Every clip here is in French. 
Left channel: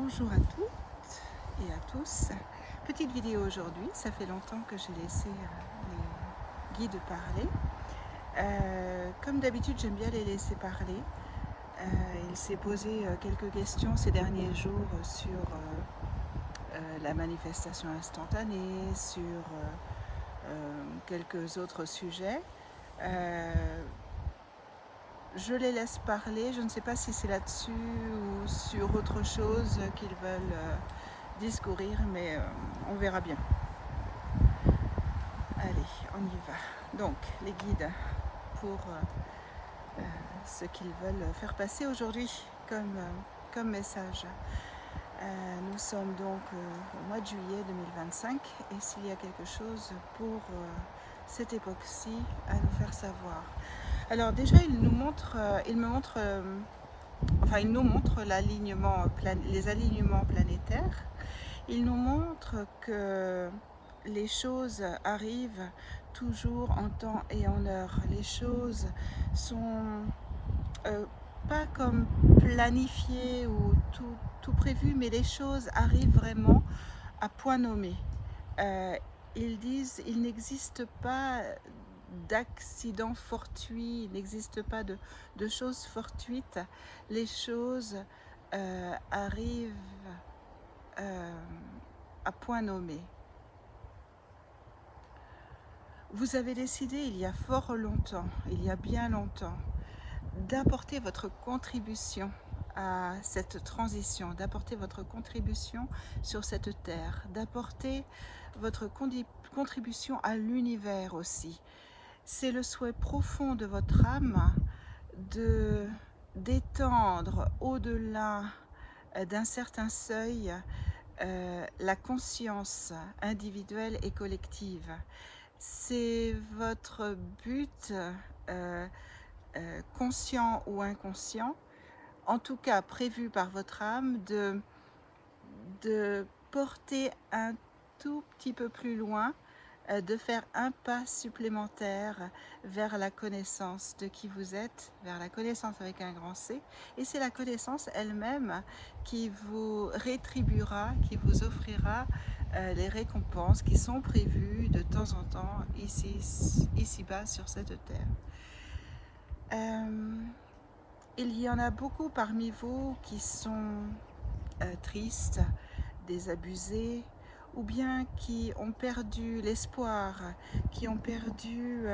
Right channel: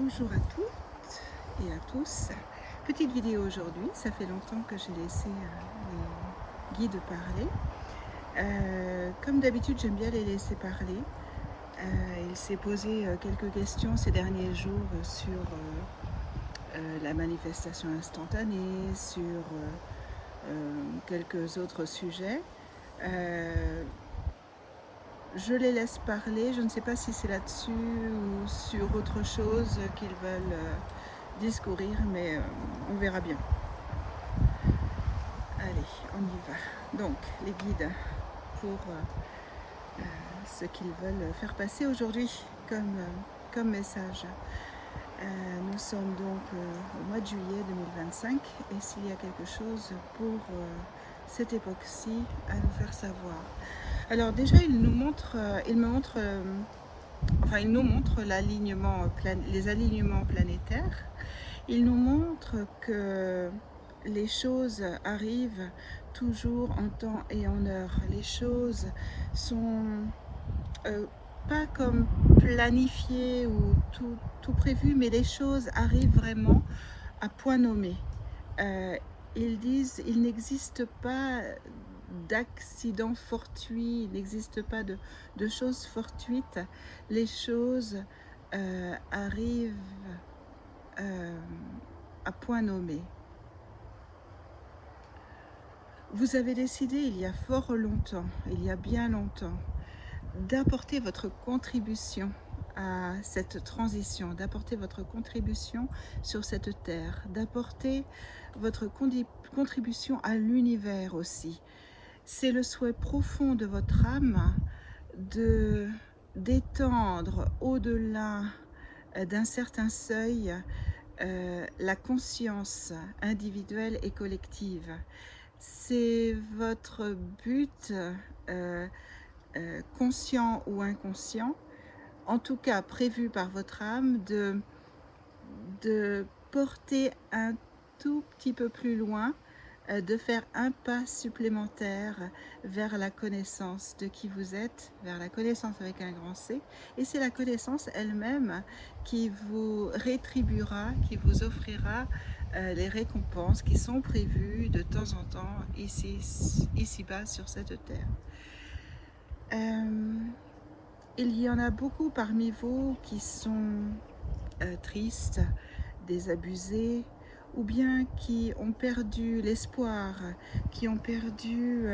Bonjour à toutes et à tous. Petite vidéo aujourd'hui, ça fait longtemps que j'ai laissé les guides parler. Comme d'habitude, j'aime bien les laisser parler. Il s'est posé quelques questions ces derniers jours sur la manifestation instantanée, sur quelques autres sujets. Je les laisse parler, je ne sais pas si c'est là-dessus ou sur autre chose qu'ils veulent discourir, mais on verra bien. Allez, on y va. Donc, les guides pour ce qu'ils veulent faire passer aujourd'hui comme message. Nous sommes donc au mois de juillet 2025 et s'il y a quelque chose pour cette époque-ci à nous faire savoir. Alors déjà, il nous montre, il nous montre les alignements planétaires. Il nous montre que les choses arrivent toujours en temps et en heure. Les choses sont pas comme planifiées ou tout prévu, mais les choses arrivent vraiment à point nommé. Ils disent il n'existe pas d'accidents fortuits, il n'existe pas de choses fortuites. Les choses arrivent à point nommé. Vous avez décidé il y a fort longtemps, il y a bien longtemps, d'apporter votre contribution à cette transition, d'apporter votre contribution sur cette terre, d'apporter votre contribution à l'univers aussi. C'est le souhait profond de votre âme d'étendre au-delà d'un certain seuil la conscience individuelle et collective. C'est votre but, conscient ou inconscient, en tout cas prévu par votre âme, de porter un tout petit peu plus loin, de faire un pas supplémentaire vers la connaissance de qui vous êtes, vers la connaissance avec un grand C. Et c'est la connaissance elle-même qui vous rétribuera, qui vous offrira les récompenses qui sont prévues de temps en temps ici-bas sur cette terre. Il y en a beaucoup parmi vous qui sont tristes, désabusés, ou bien qui ont perdu l'espoir, qui ont perdu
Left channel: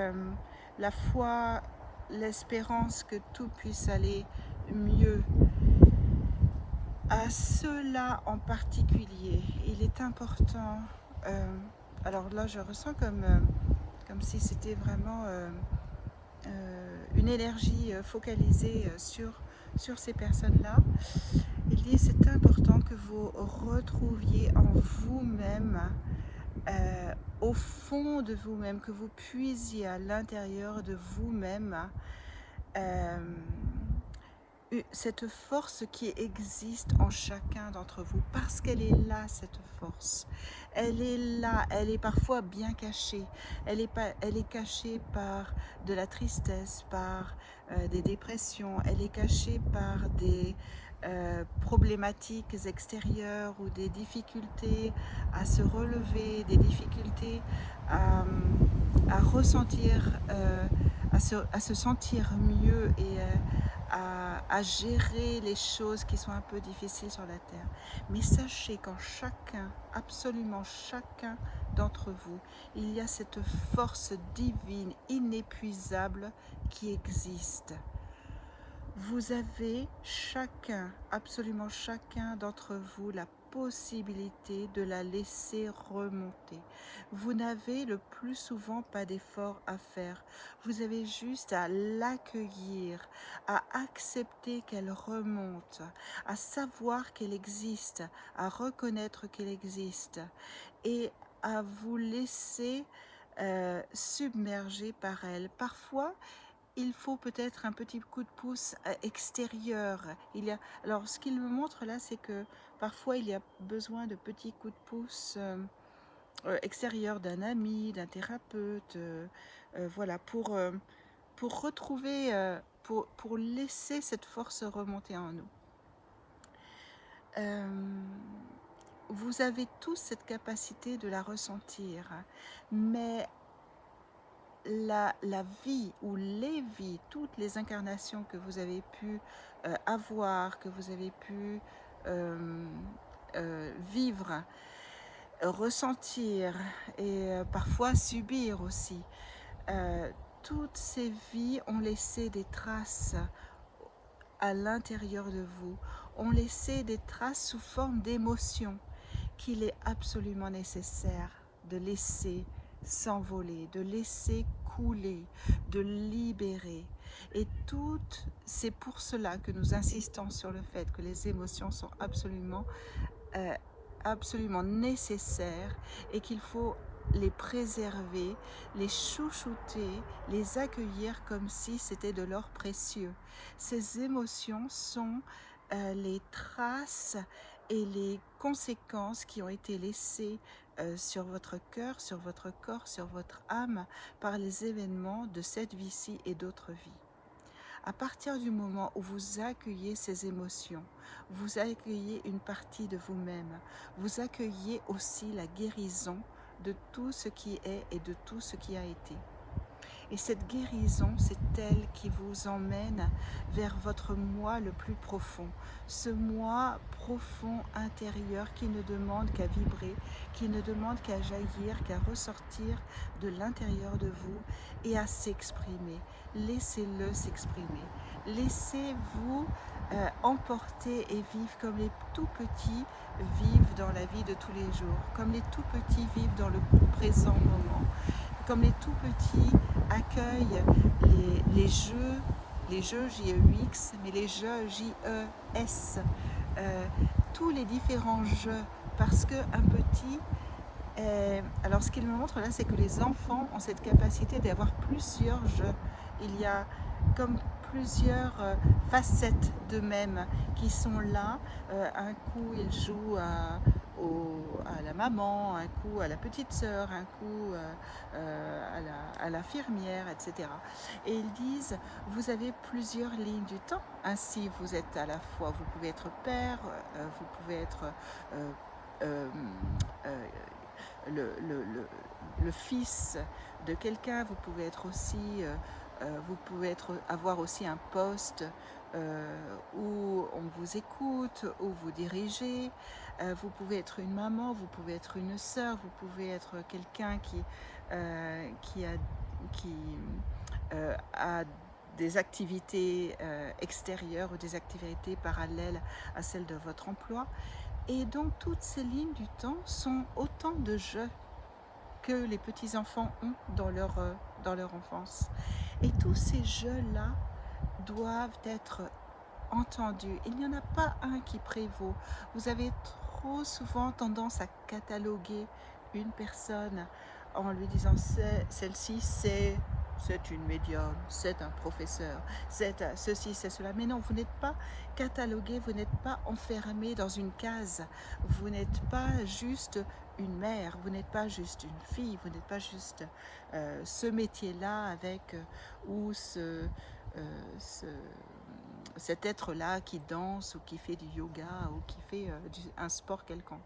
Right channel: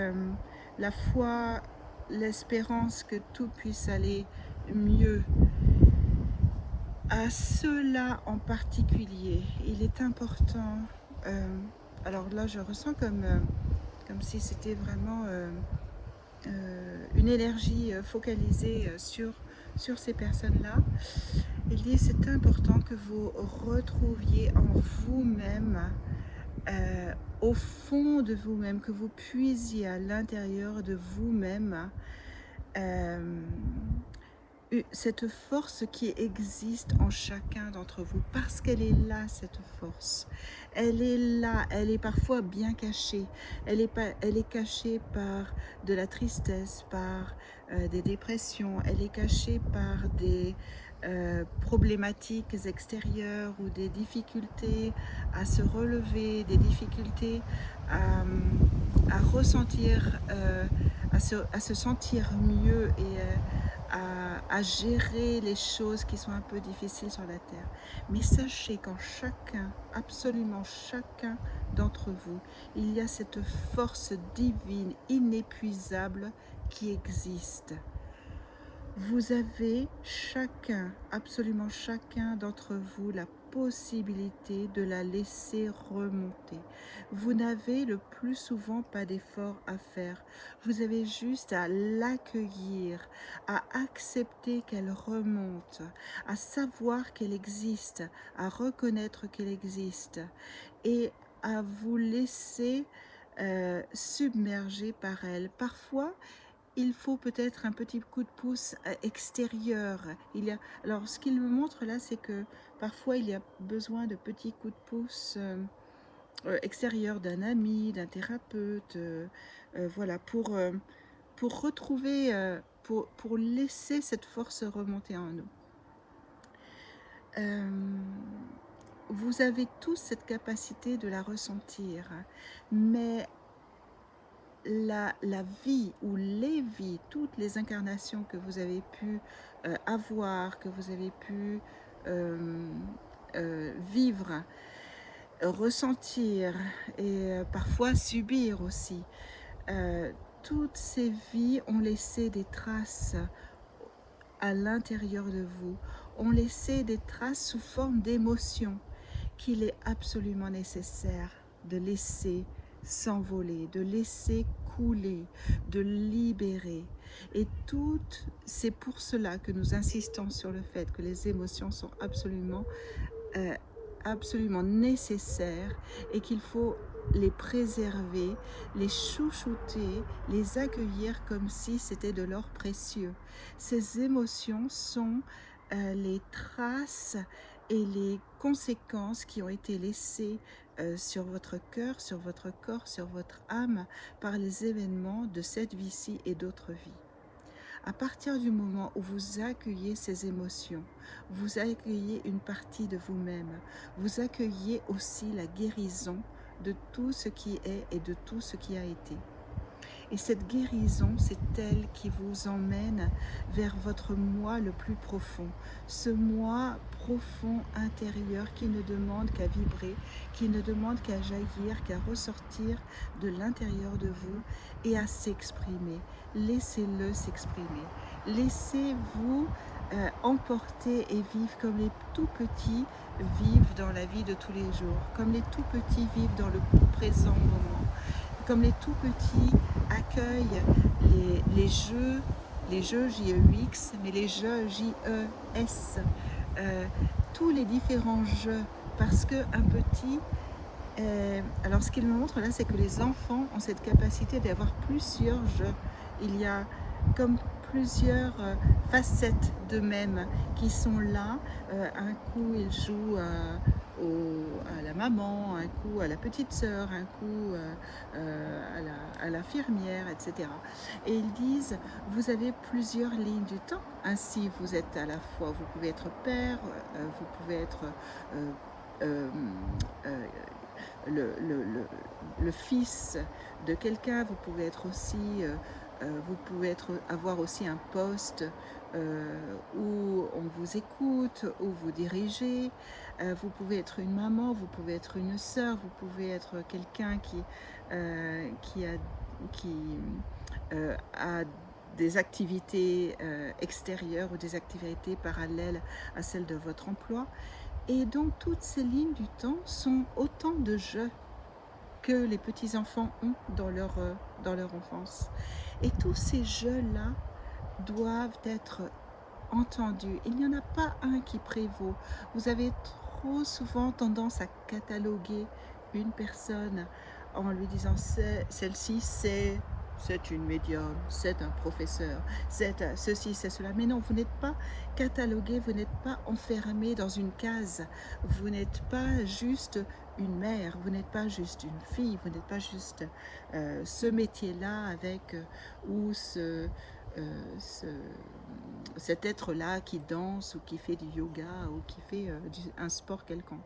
la foi, l'espérance que tout puisse aller mieux. À ceux-là en particulier, il est important, alors là je ressens comme si c'était vraiment une énergie focalisée sur ces personnes-là. Il dit c'est important que vous retrouviez en vous-même, au fond de vous-même, que vous puisiez à l'intérieur de vous-même cette force qui existe en chacun d'entre vous, parce qu'elle est là, cette force. Elle est là, elle est parfois bien cachée. Elle est cachée par de la tristesse, par des dépressions. Elle est cachée par des problématiques extérieures ou des difficultés à se relever, des difficultés à ressentir, à se sentir mieux et à gérer les choses qui sont un peu difficiles sur la terre. Mais sachez qu'en chacun, absolument chacun d'entre vous, il y a cette force divine inépuisable qui existe. Vous avez chacun, absolument chacun d'entre vous, la possibilité de la laisser remonter. Vous n'avez le plus souvent pas d'effort à faire. Vous avez juste à l'accueillir, à accepter qu'elle remonte, à savoir qu'elle existe, à reconnaître qu'elle existe et à vous laisser submerger par elle. Parfois, il faut peut-être un petit coup de pouce extérieur. Alors, ce qu'il me montre là, c'est que parfois il y a besoin de petits coups de pouce extérieurs d'un ami, d'un thérapeute, voilà, pour retrouver, pour laisser cette force remonter en nous. Euh, vous avez tous cette capacité de la ressentir, mais la vie ou les vies, toutes les incarnations que vous avez pu avoir, que vous avez pu euh, vivre, ressentir et parfois subir aussi, euh, toutes ces vies ont laissé des traces à l'intérieur de vous, ont laissé des traces sous forme d'émotions qu'il est absolument nécessaire de laisser s'envoler, de laisser couler, de libérer. Et c'est pour cela que nous insistons sur le fait que les émotions sont euh, absolument nécessaires et qu'il faut les préserver, les chouchouter, les accueillir comme si c'était de l'or précieux. Ces émotions sont les traces et les conséquences qui ont été laissées sur votre cœur, sur votre corps, sur votre âme par les événements de cette vie-ci et d'autres vies. À partir du moment où vous accueillez ces émotions, vous accueillez une partie de vous-même, vous accueillez aussi la guérison de tout ce qui est et de tout ce qui a été. Et cette guérison, c'est elle qui vous emmène vers votre moi le plus profond. Ce moi profond intérieur qui ne demande qu'à vibrer, qui ne demande qu'à jaillir, qu'à ressortir de l'intérieur de vous et à s'exprimer. Laissez-le s'exprimer. Laissez-vous emporter et vivre comme les tout petits vivent dans la vie de tous les jours, comme les tout petits vivent dans le présent moment, comme les tout petits accueillent les jeux JEX, mais les jeux JES, tous les différents jeux, parce qu'un petit, alors ce qu'il me montre là, c'est que les enfants ont cette capacité d'avoir plusieurs jeux. Il y a comme plusieurs facettes d'eux-mêmes qui sont là. Un coup, ils jouent à la maman, un coup à la petite sœur, un coup à l'infirmière, etc. Et ils disent, vous avez plusieurs lignes du temps. Ainsi, vous êtes à la fois, vous pouvez être père, vous pouvez être euh, euh, euh, le fils de quelqu'un, vous pouvez être aussi, vous pouvez avoir aussi un poste où on vous écoute, où vous dirigez, vous pouvez être une maman, vous pouvez être une sœur, vous pouvez être quelqu'un qui a des activités extérieures ou des activités parallèles à celles de votre emploi. Et donc toutes ces lignes du temps sont autant de jeux que les petits-enfants ont dans leur enfance. Et tous ces jeux-là doivent être entendus. Il n'y en a pas un qui prévaut. Vous avez trop souvent tendance à cataloguer une personne en lui disant celle-ci c'est une médium, c'est un professeur, c'est ceci, c'est cela. Mais non, vous n'êtes pas catalogué, vous n'êtes pas enfermé dans une case. Vous n'êtes pas juste une mère, vous n'êtes pas juste une fille, vous n'êtes pas juste ce métier-là avec ou cet être-là qui danse ou qui fait du yoga ou qui fait un sport quelconque.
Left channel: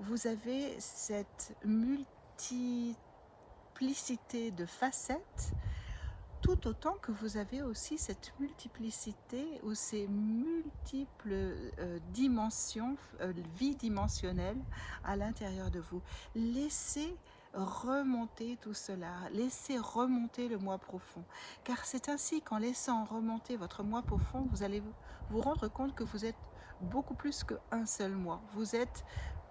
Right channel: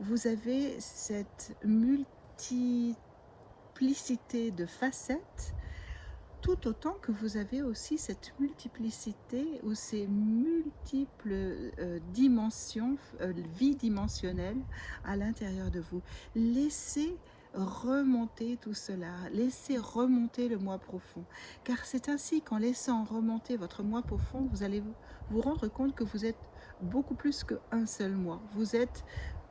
Vous avez cette multiplicité de facettes, tout autant que vous avez aussi cette multiplicité ou ces multiples dimensions, vies dimensionnelles à l'intérieur de vous. Laissez remonter tout cela, laissez remonter le moi profond, car c'est ainsi qu'en laissant remonter votre moi profond, vous allez vous rendre compte que vous êtes beaucoup plus qu'un seul moi. Vous êtes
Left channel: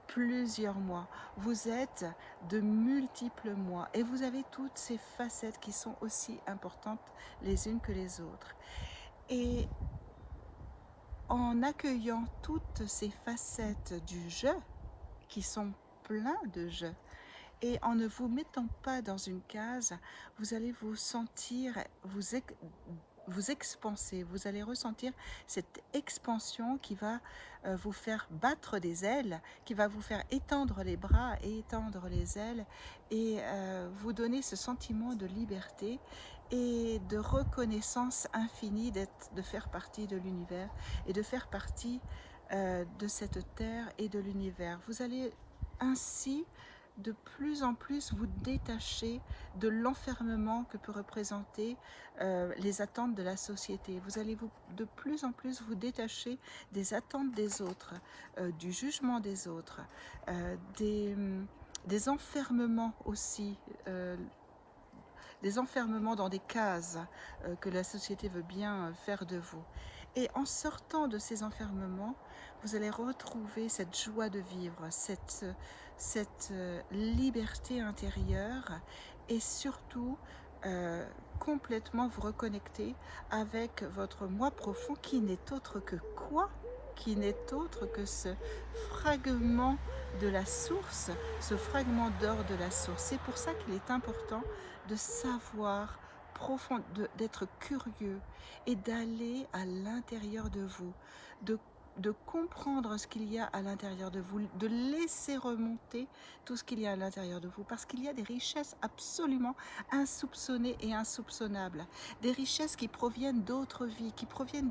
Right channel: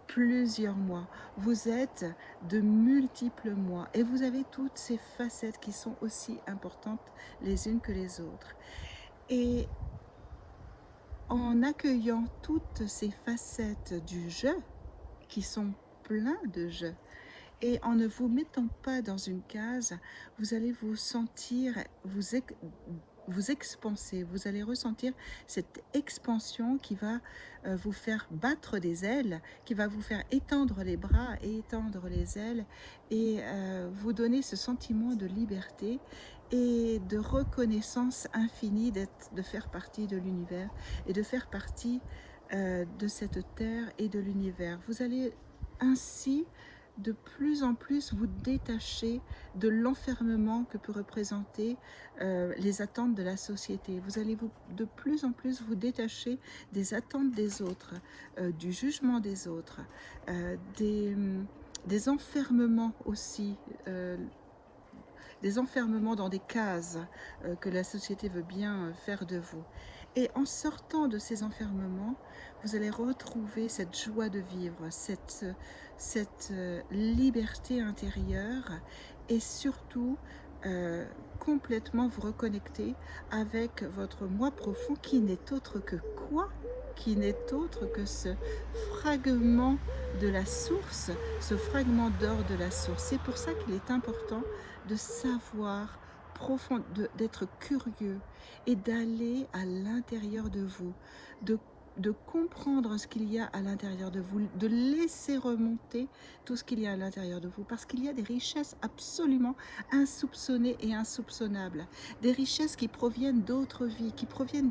plusieurs mois, vous êtes de multiples mois et vous avez toutes ces facettes qui sont aussi importantes les unes que les autres. Et en accueillant toutes ces facettes du jeu, qui sont pleins de jeux, et en ne vous mettant pas dans une case, vous allez vous sentir, vous expanser, vous allez ressentir cette expansion qui va vous faire battre des ailes, qui va vous faire étendre les bras et étendre les ailes et vous donner ce sentiment de liberté et de reconnaissance infinie de faire partie de l'univers et de faire partie de cette terre et de l'univers. Vous allez ainsi de plus en plus vous détacher de l'enfermement que peut représenter les attentes de la société. Vous allez de plus en plus vous détacher des attentes des autres, du jugement des autres, des enfermements aussi, des enfermements dans des cases que la société veut bien faire de vous. Et en sortant de ces enfermements, vous allez retrouver cette joie de vivre, cette liberté intérieure et surtout complètement vous reconnecter avec votre moi profond qui n'est autre que quoi? Qui n'est autre que ce fragment de la source, ce fragment d'or de la source. C'est pour ça qu'il est important de savoir profond, d'être curieux et d'aller à l'intérieur de vous, de comprendre ce qu'il y a à l'intérieur de vous, de laisser remonter tout ce qu'il y a à l'intérieur de vous, parce qu'il y a des richesses absolument insoupçonnées et insoupçonnables, des richesses qui proviennent d'autres vies, qui proviennent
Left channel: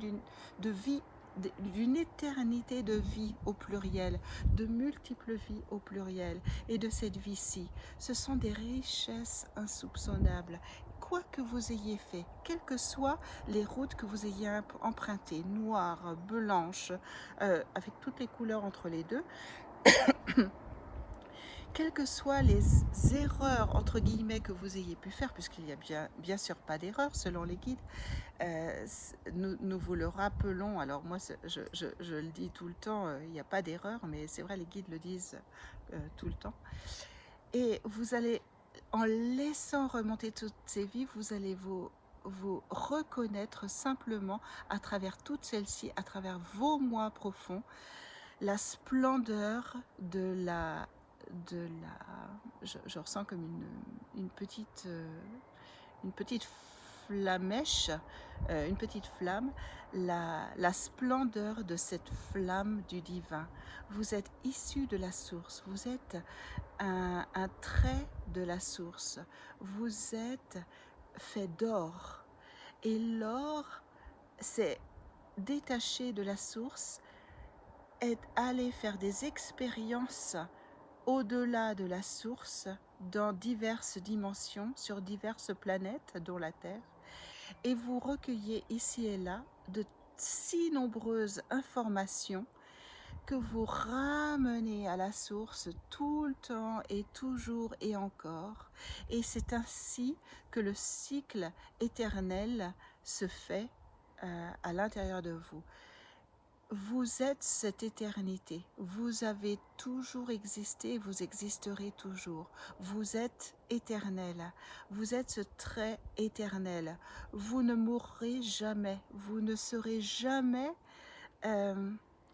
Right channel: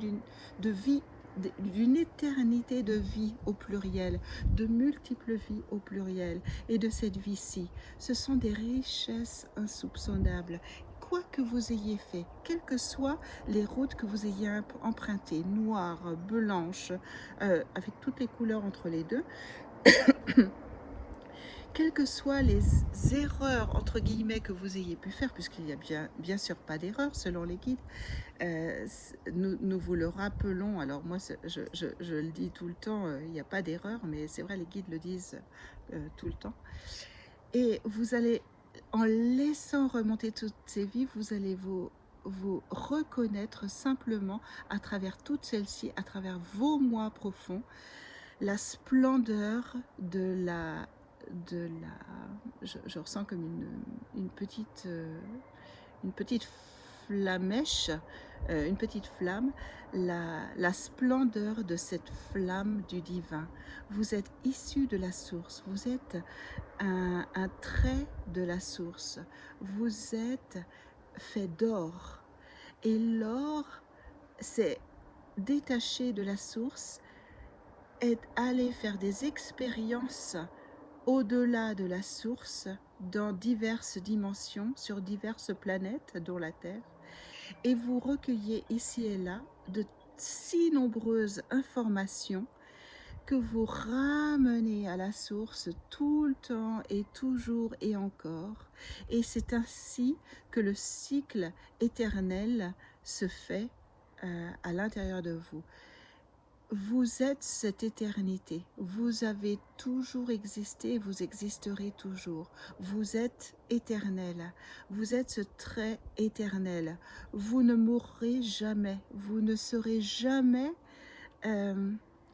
d'une éternité de vie au pluriel, de multiples vies au pluriel, et de cette vie-ci. Ce sont des richesses insoupçonnables. Quoi que vous ayez fait, quelles que soient les routes que vous ayez empruntées, noires, blanches, avec toutes les couleurs entre les deux, quelles que soient les erreurs, entre guillemets, que vous ayez pu faire, puisqu'il n'y a bien sûr pas d'erreur selon les guides, nous vous le rappelons. Alors moi, je le dis tout le temps, il n'y a pas d'erreur, mais c'est vrai, les guides le disent tout le temps. Et vous allez, en laissant remonter toutes ces vies, vous allez vous reconnaître simplement à travers toutes celles-ci, à travers vos moi profonds, la splendeur je ressens comme une petite flamèche, une petite flamme, la splendeur de cette flamme du divin. Vous êtes issu de la source, vous êtes un trait de la source, vous êtes fait d'or. Et l'or, c'est détaché de la source, est aller faire des expériences au-delà de la source, dans diverses dimensions, sur diverses planètes, dont la Terre, et vous recueillez ici et là de si nombreuses informations que vous ramenez à la source tout le temps et toujours et encore. Et c'est ainsi que le cycle éternel se fait à l'intérieur de vous. Vous êtes cette éternité, vous avez toujours existé, vous existerez toujours. Vous êtes éternel, vous êtes ce trait éternel. Vous ne mourrez jamais, vous ne serez jamais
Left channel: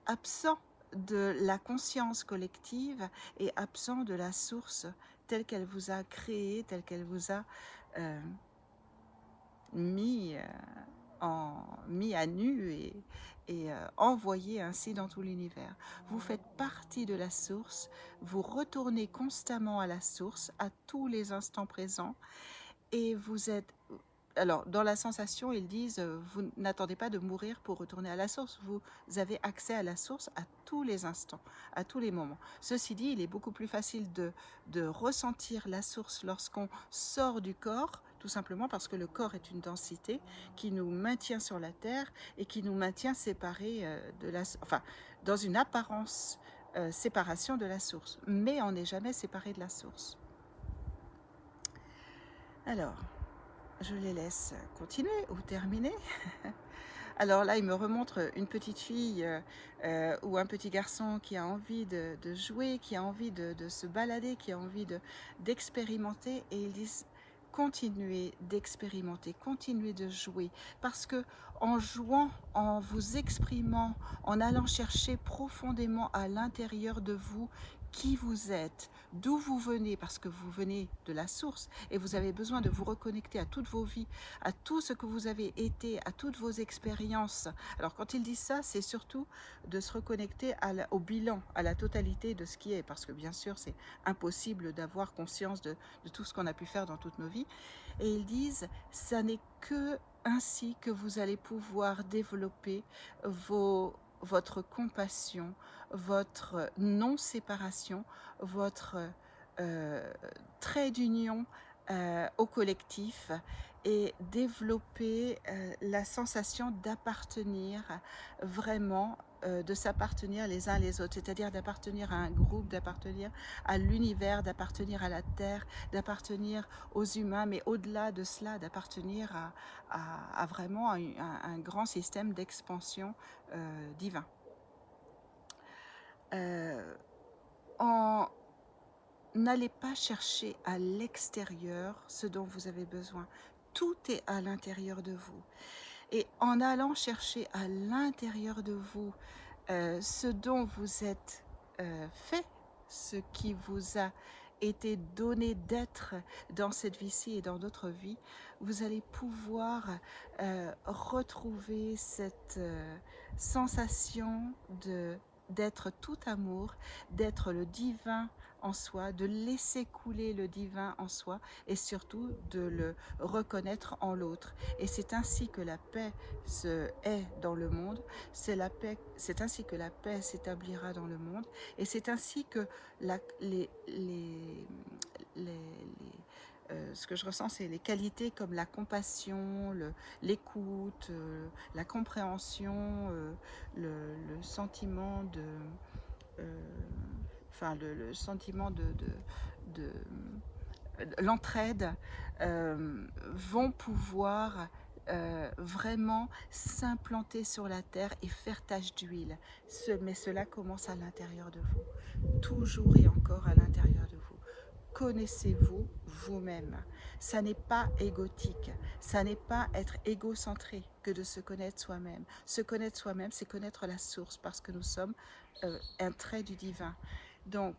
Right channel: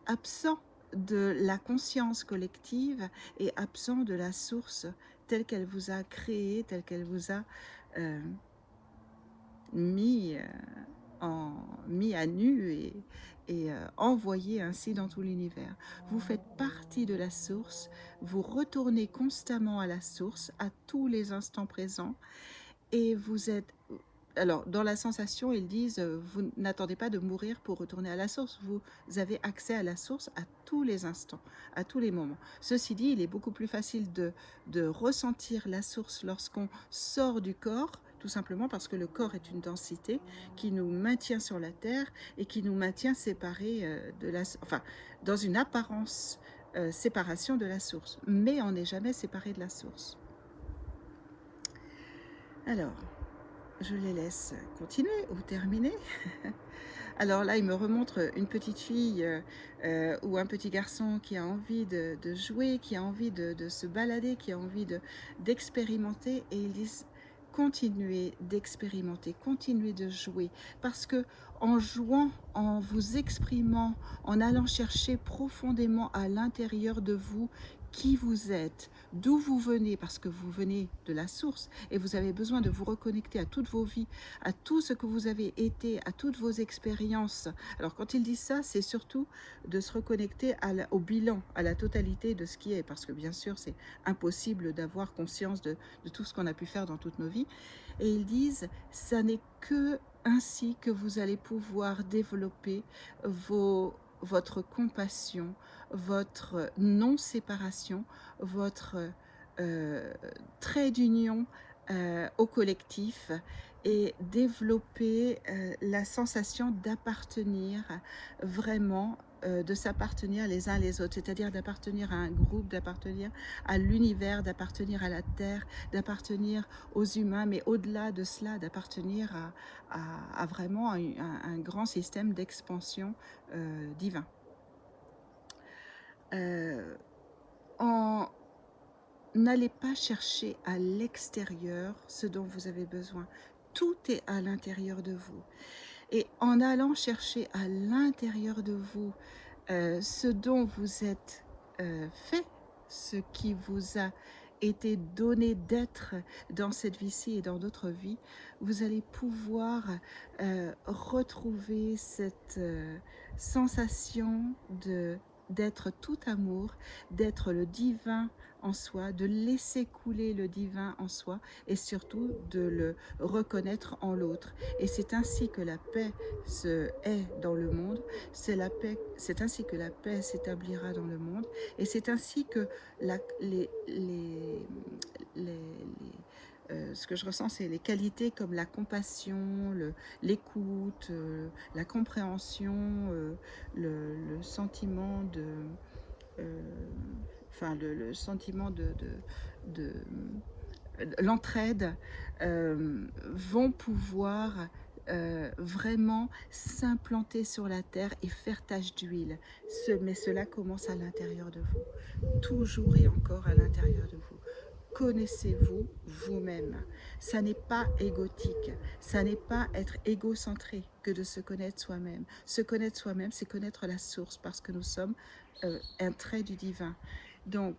absent de la conscience collective et absent de la source telle qu'elle vous a créé, telle qu'elle vous a mis à nu et envoyé ainsi dans tout l'univers. Vous faites partie de la source, vous retournez constamment à la source, à tous les instants présents, et vous êtes... Alors, dans la sensation, ils disent, vous n'attendez pas de mourir pour retourner à la source, vous avez accès à la source à tous les instants, à tous les moments. Ceci dit, il est beaucoup plus facile de ressentir la source lorsqu'on sort du corps, tout simplement parce que le corps est une densité qui nous maintient sur la terre et qui nous maintient séparés dans une apparence séparation de la source. Mais on n'est jamais séparé de la source. Alors, je les laisse continuer ou terminer. Alors là, il me remontre une petite fille ou un petit garçon qui a envie de jouer, qui a envie de se balader, qui a envie d'expérimenter, et ils disent continuez d'expérimenter, continuez de jouer, parce que en jouant, en vous exprimant, en allant chercher profondément à l'intérieur de vous qui vous êtes, d'où vous venez, parce que vous venez de la source et vous avez besoin de vous reconnecter à toutes vos vies, à tout ce que vous avez été, à toutes vos expériences. Alors quand ils disent ça, c'est surtout de se reconnecter au bilan, à la totalité de ce qui est, parce que bien sûr c'est impossible d'avoir conscience de tout ce qu'on a pu faire dans toutes nos vies. Et ils disent, ça n'est que ainsi que vous allez pouvoir développer votre compassion, votre non-séparation, votre trait d'union au collectif et développer la sensation d'appartenir vraiment, de s'appartenir les uns les autres, c'est-à-dire d'appartenir à un groupe, d'appartenir à l'univers, d'appartenir à la terre, d'appartenir aux humains, mais au-delà de cela, d'appartenir à vraiment un grand système d'expansion divin. N'allez pas chercher à l'extérieur ce dont vous avez besoin. Tout est à l'intérieur de vous. Et en allant chercher à l'intérieur de vous ce dont vous êtes fait, ce qui vous a été donné d'être dans cette vie-ci et dans d'autres vies, vous allez pouvoir retrouver cette sensation d'être tout amour, d'être le divin en soi, de laisser couler le divin en soi et surtout de le reconnaître en l'autre. Et c'est ainsi que la paix est dans le monde, c'est ainsi que la paix s'établira dans le monde et c'est ainsi que ce que je ressens, c'est les qualités comme la compassion, l'écoute, la compréhension, le sentiment de... le sentiment de l'entraide vont pouvoir vraiment s'implanter sur la terre et faire tache d'huile. Mais cela commence à l'intérieur de vous, toujours et encore à l'intérieur de vous. Connaissez-vous vous-même. Ça n'est pas égotique, ça n'est pas être égocentré que de se connaître soi-même. Se connaître soi-même, c'est connaître la source parce que nous sommes un trait du divin. Donc,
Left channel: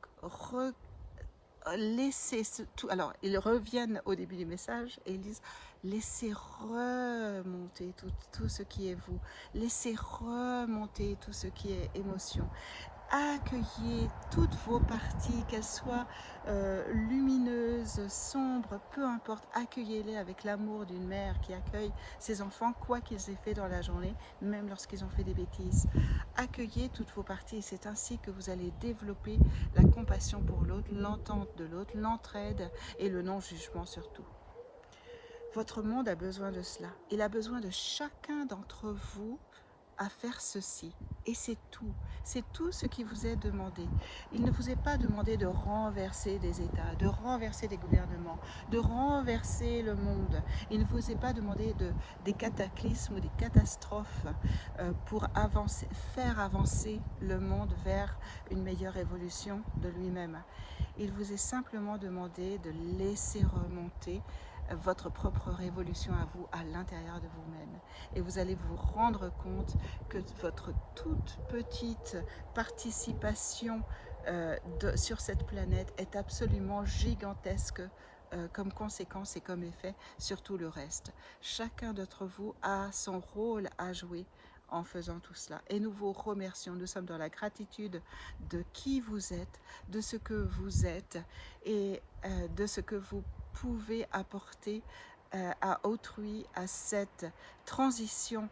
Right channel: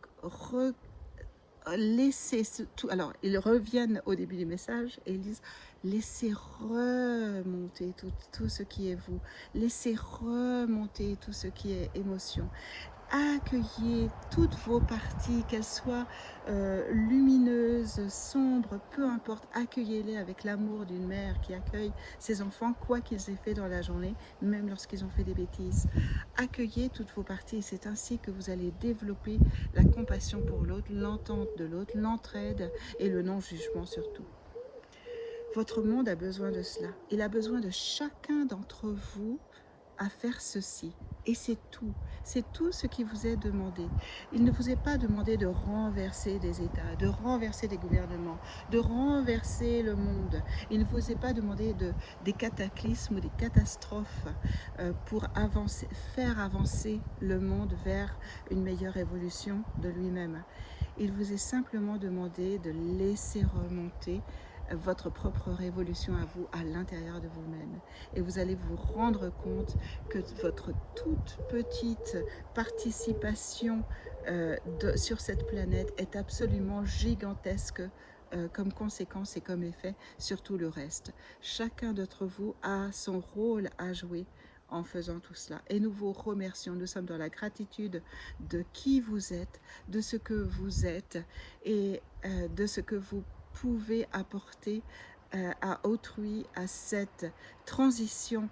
laissez tout. Alors, ils reviennent au début du message et ils disent laissez remonter tout ce qui est vous, laissez remonter tout ce qui est émotion. Accueillez toutes vos parties, qu'elles soient lumineuses, sombres, peu importe, accueillez-les avec l'amour d'une mère qui accueille ses enfants, quoi qu'ils aient fait dans la journée, même lorsqu'ils ont fait des bêtises. Accueillez toutes vos parties, c'est ainsi que vous allez développer la compassion pour l'autre, l'entente de l'autre, l'entraide et le non-jugement surtout. Votre monde a besoin de cela. Il a besoin de chacun d'entre vous à faire ceci. Et c'est tout. C'est tout ce qui vous est demandé. Il ne vous est pas demandé de renverser des États, de renverser des gouvernements, de renverser le monde. Il ne vous est pas demandé des cataclysmes ou des catastrophes pour faire avancer le monde vers une meilleure évolution de lui-même. Il vous est simplement demandé de laisser remonter votre propre révolution à vous, à l'intérieur de vous-même. Et vous allez vous rendre compte que votre toute petite participation sur cette planète est absolument gigantesque comme conséquence et comme effet sur tout le reste. Chacun d'entre vous a son rôle à jouer en faisant tout cela. Et nous vous remercions. Nous sommes dans la gratitude de qui vous êtes, de ce que vous êtes et de ce que vous pouvez apporter à autrui, à cette transition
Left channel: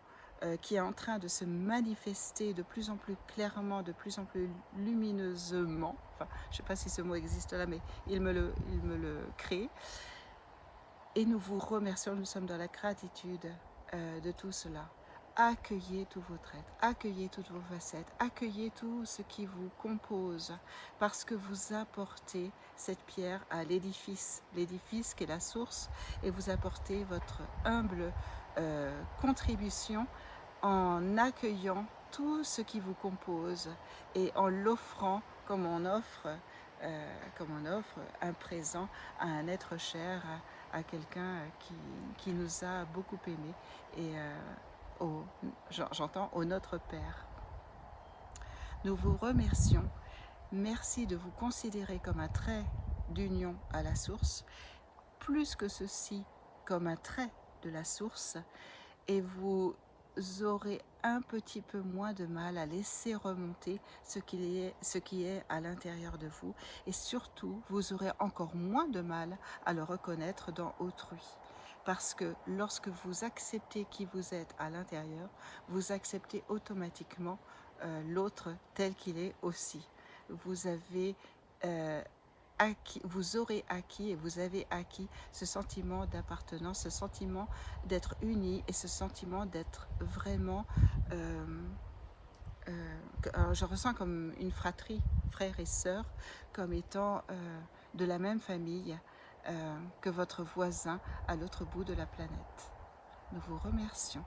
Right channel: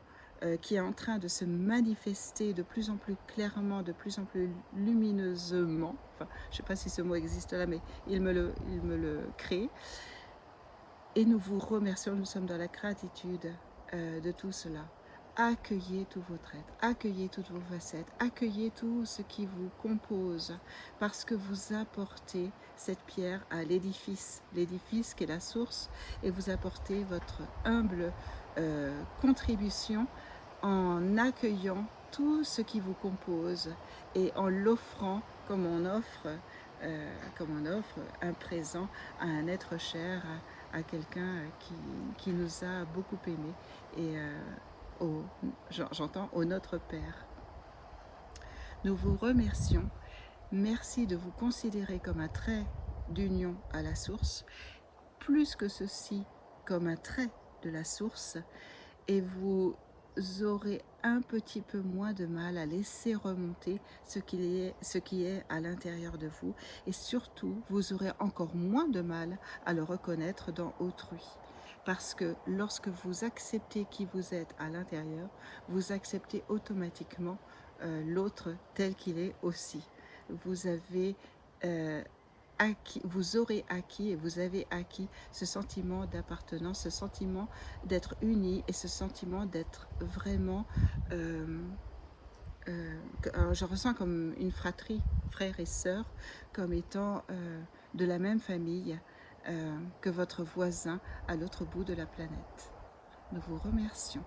qui est en train de se manifester de plus en plus clairement, de plus en plus lumineusement. Enfin, je ne sais pas si ce mot existe là, mais il me le crée. Et nous vous remercions, nous sommes dans la gratitude de tout cela. Accueillez tous vos traits, accueillez toutes vos facettes, accueillez tout ce qui vous compose, parce que vous apportez cette pierre à l'édifice qui est la source, et vous apportez votre humble contribution en accueillant tout ce qui vous compose et en l'offrant comme on offre un présent à un être cher, à quelqu'un qui nous a beaucoup aimés et j'entends au Notre Père. Nous vous remercions. Merci de vous considérer comme un trait d'union à la source, plus que ceci comme un trait de la source, et vous aurez un petit peu moins de mal à laisser remonter ce qui est à l'intérieur de vous, et surtout vous aurez encore moins de mal à le reconnaître dans autrui. Parce que lorsque vous acceptez qui vous êtes à l'intérieur, vous acceptez automatiquement l'autre tel qu'il est aussi. Vous avez vous aurez acquis et vous avez acquis ce sentiment d'appartenance, ce sentiment d'être unis et ce sentiment d'être vraiment, je ressens comme une fratrie, frères et sœurs, comme étant de la même famille que votre voisin à l'autre bout de la planète. Nous vous remercions.